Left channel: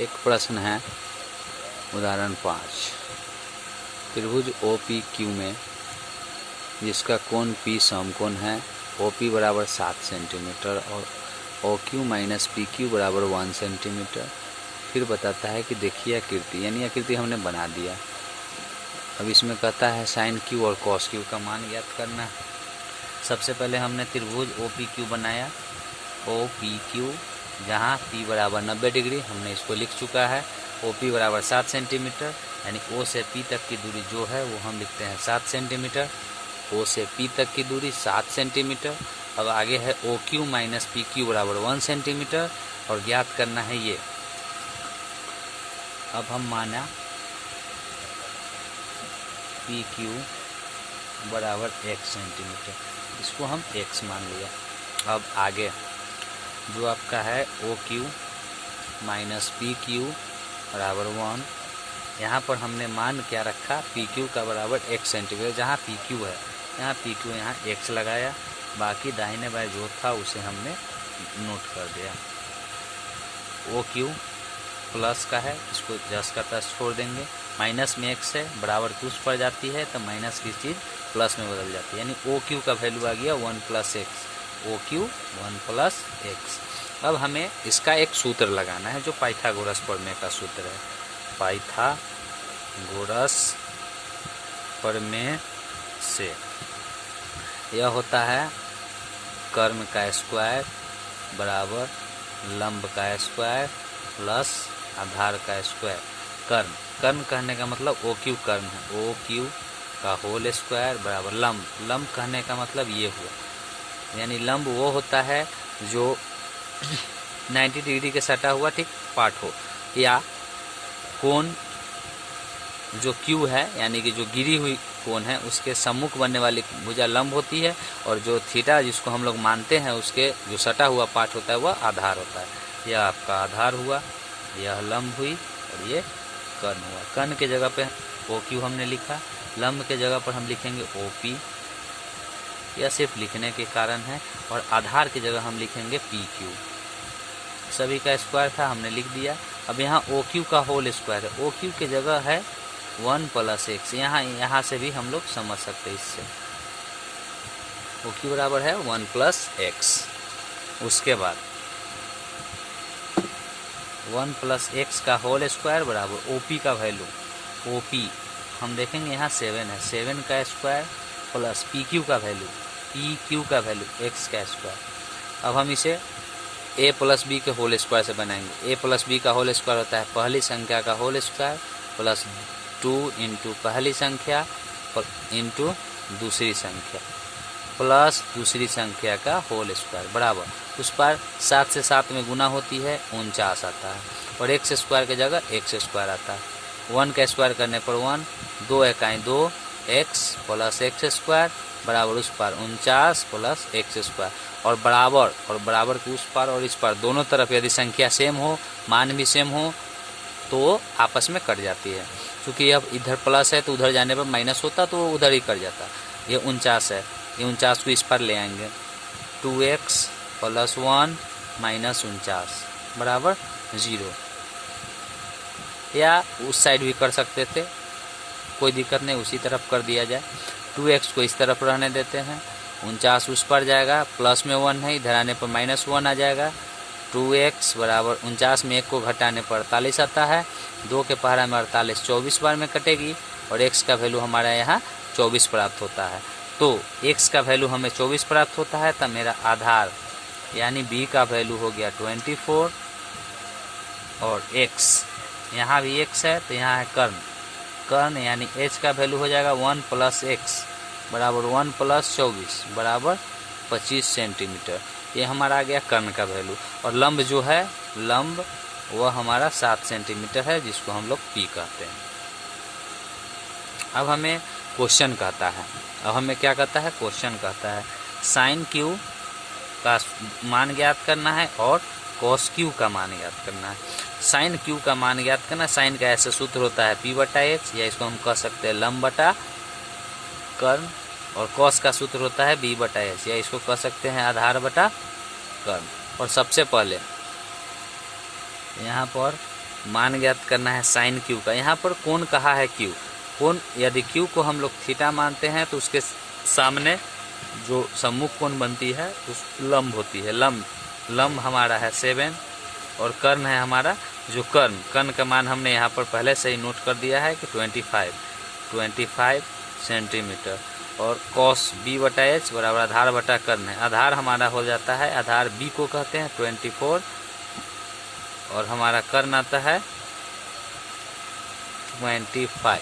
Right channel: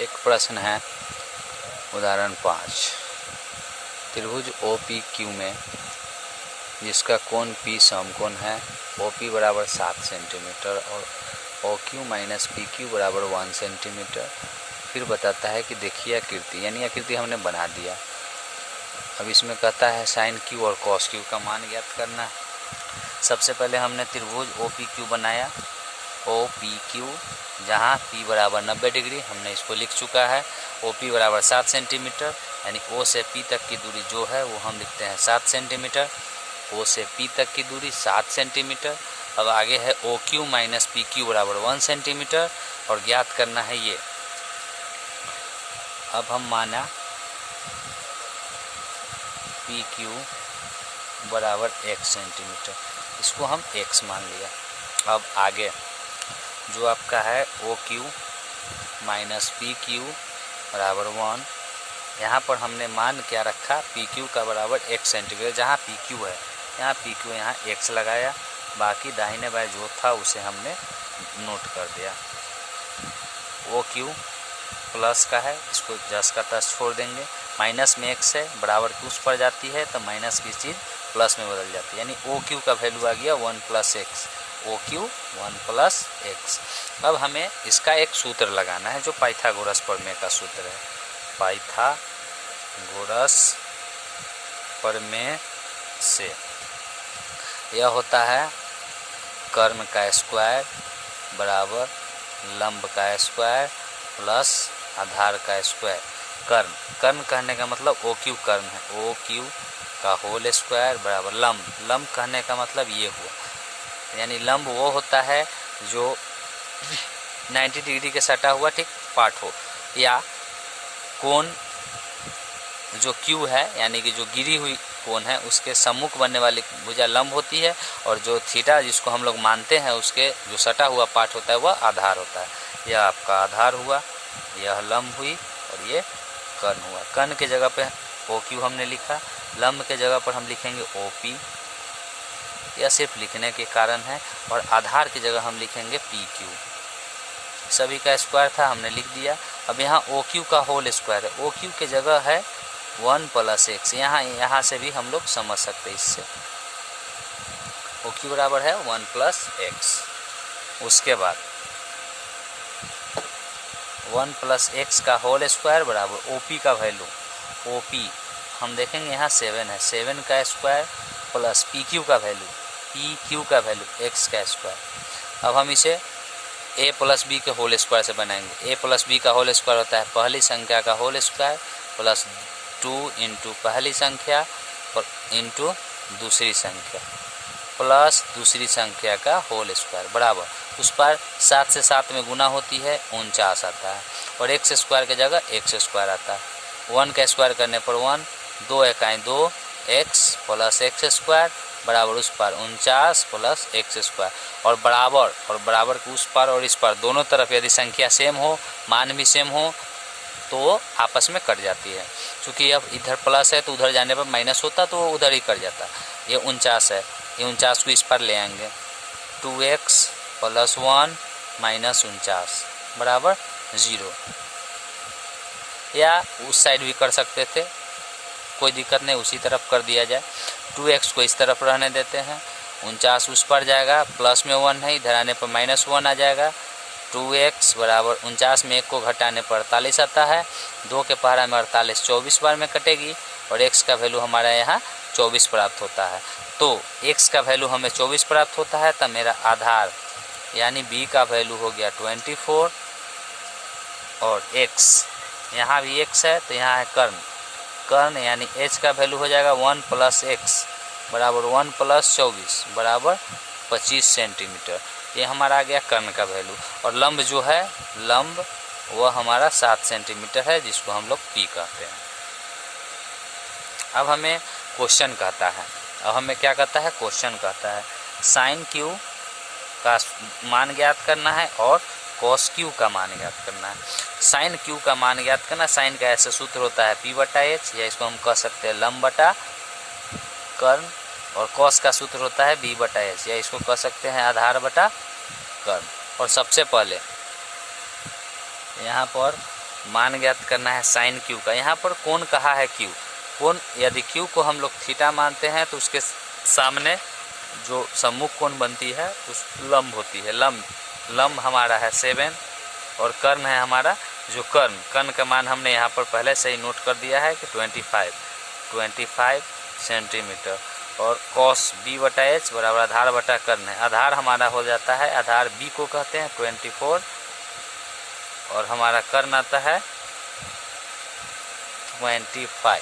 एक प्रश्न है उदाहरण 5। त्रिभुज OPQ में जिसका कोण P समकोण है, OP बराबर 7 सेंटीमीटर और OQ माइनस PQ बराबर 1 सेंटीमीटर। फिर बताता है कि देखिए आकृति, यानी आकृति हमने बना दिया। अब इसमें कहता है साइन Q और कॉस Q का मान ज्ञात करना है। सबसे पहले हमने त्रिभुज OPQ बनाया, OPQ, जहाँ P बराबर 90 डिग्री, हमने इसको लिख चुका है। OP बराबर 7 सेंटीमीटर, यानी O से P तक की दूरी जो है वो हम लिखते हैं 7 सेंटीमीटर। O से P तक की दूरी 7 सेंटीमीटर। अब आगे है OQ माइनस PQ बराबर 1 सेंटीमीटर और ज्ञात करना है ये। अब हम माना PQ बराबर 1 सेंटीमीटर, इसको हम x मान लिया। अब आगे जो आपका है OQ माइनस PQ बराबर 1, यहाँ पर हमने मान क्या रखा, PQ का बराबर 1 सेंटीमीटर, जहाँ PQ है यहाँ PQ, यहाँ x लगाया, बाकी दाहिने बाएं जो था उसे हमने नोट कर दिया। OQ प्लस का है, इसको जस का तस छोड़ देंगे, माइनस में x है, बराबर की उस पर जाती है तो माइनस की चीज़ प्लस में बदल जाती है, यानी OQ का वैल्यू आ गया 1 plus x, OQ 1 plus x। अब हमें इसका एक सूत्र लगाना है जो पाइथागोरस प्रमेय का सूत्र है। पाइथागोरस प्रमेय से यह होता है कर्ण का स्क्वायर बराबर लंब का स्क्वायर प्लस आधार का स्क्वायर। कर्ण, कर्ण कहने का मतलब OQ कर्ण है, OQ का होल स्क्वायर बराबर लंब, लंब कहने का मतलब ये हुआ, यानी लंब वो होता है जो 90 डिग्री के सटा हुआ ठीक पार्ट हो, या कोण जो Q है यानी कि जो गिरी हुई कोण है उसके सम्मुख बनने वाली भुजा लंब होती है, और जो थीटा जिसको हम लोग मानते हैं उसके जो सटा हुआ पार्ट होता है वह आधार होता है। यह आपका आधार हुआ, यह लंब हुई और ये कर्ण हुआ। कर्ण के जगह पे OQ हमने लिखा, लंब के जगह पर हम लिखेंगे OP, यह सिर्फ लिखने के कारण है, और आधार की जगह हम लिखेंगे PQ। सभी का स्क्वायर था, हमने लिख दिया। अब यहाँ OQ का होल स्क्वायर है, OQ के जगह है 1 प्लस x, यहाँ से भी हम लोग समझ सकते हैं इससे। OQ बराबर है 1 प्लस x। उसके बाद 1 प्लस x का होल स्क्वायर बराबर OP का वैल्यू, OP हम देखेंगे यहाँ 7 है, 7 का स्क्वायर प्लस PQ का वैल्यू, PQ का वैल्यू x का स्क्वायर। अब हम इसे a प्लस b के होल स्क्वायर से बनाएंगे। a प्लस b का होल स्क्वायर होता है पहली संख्या का होल स्क्वायर प्लस 2 इंटू पहली संख्या इंटू दूसरी संख्या प्लस दूसरी संख्या का होल स्क्वायर बराबर, उस पर 7 से 7 में गुना होती है 49 आता है, और x स्क्वायर की जगह x स्क्वायर आता है। 1 का स्क्वायर करने पर 1, 2 एकाएँ 2, x प्लस x स्क्वायर बराबर उस पर 49 प्लस x स्क्वायर, और बराबर के उस पर और इस पर दोनों तरफ यदि संख्या सेम हो, मान भी सेम हो तो आपस में कट जाती है। क्योंकि अब इधर प्लस है तो उधर जाने पर माइनस होता तो उधर ही कट जाता। ये 49 है, ये 49 को इस पर ले आएंगे, 2x प्लस 1 माइनस 49 बराबर 0, या उस साइड भी कर सकते थे, कोई दिक्कत नहीं, उसी तरफ कर दिया जाए। 2x को इस तरफ रहने देते हैं, 49 उस पर जाएगा, प्लस में 1 है, इधर आने पर माइनस 1 आ जाएगा। 2x बराबर 49 में 1 को घटाने पर 48 आता है, 2 के पहाड़ा में 48 24 बार में कटेगी, और x का वैल्यू हमारा यहाँ 24 प्राप्त होता है। तो x का वैल्यू हमें 24 प्राप्त होता है, तब मेरा आधार यानी b का वैल्यू हो गया 24, और x यहाँ भी x है तो यहाँ है कर्ण यानी h का वैल्यू हो जाएगा 1 प्लस x बराबर 1 प्लस 24 बराबर 25 सेंटीमीटर। ये हमारा आ गया कर्ण का वैल्यू, और लंब जो है लंब वह हमारा 7 सेंटीमीटर है, जिसको हम लोग P कहते हैं। अब हमें क्वेश्चन कहता है, अब हमें क्या कहता है, क्वेश्चन कहता है साइन Q का मान ज्ञात करना है और कॉस Q का मान ज्ञात करना है। साइन Q का मान ज्ञात करना, साइन का ऐसे सूत्र होता है P बटा x, या इसको हम कह सकते हैं लंब बटा कर्ण, और कॉस का सूत्र होता है b बटा s, या इसको कह सकते हैं आधार बटा कर्ण। और सबसे पहले यहाँ पर मान ज्ञात करना है साइन क्यू का। यहाँ पर कोण कहा है क्यू, कोण यदि क्यू को हम लोग थीटा मानते हैं तो उसके सामने जो सम्मुख कोण बनती है उस लंब होती है, लंब हमारा है 7 और कर्ण है हमारा जो कर्ण का मान हमने यहाँ पर पहले से ही नोट कर दिया है कि 25 सेंटीमीटर। और कॉस बी बटा एच बराबर आधार बटा कर्ण है, आधार हमारा हो जाता है, आधार बी को कहते हैं 24 और हमारा कर्ण आता है 25।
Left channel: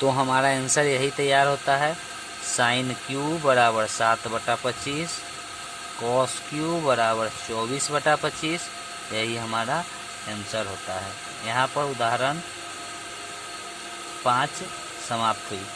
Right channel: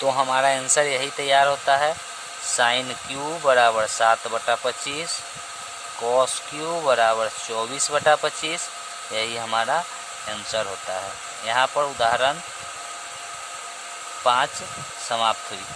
तो हमारा आंसर यही तैयार होता है, साइन क्यू बराबर 7/25, कॉस क्यू बराबर 24/25, यही हमारा आंसर होता है। यहाँ पर उदाहरण 5 समाप्त हुई।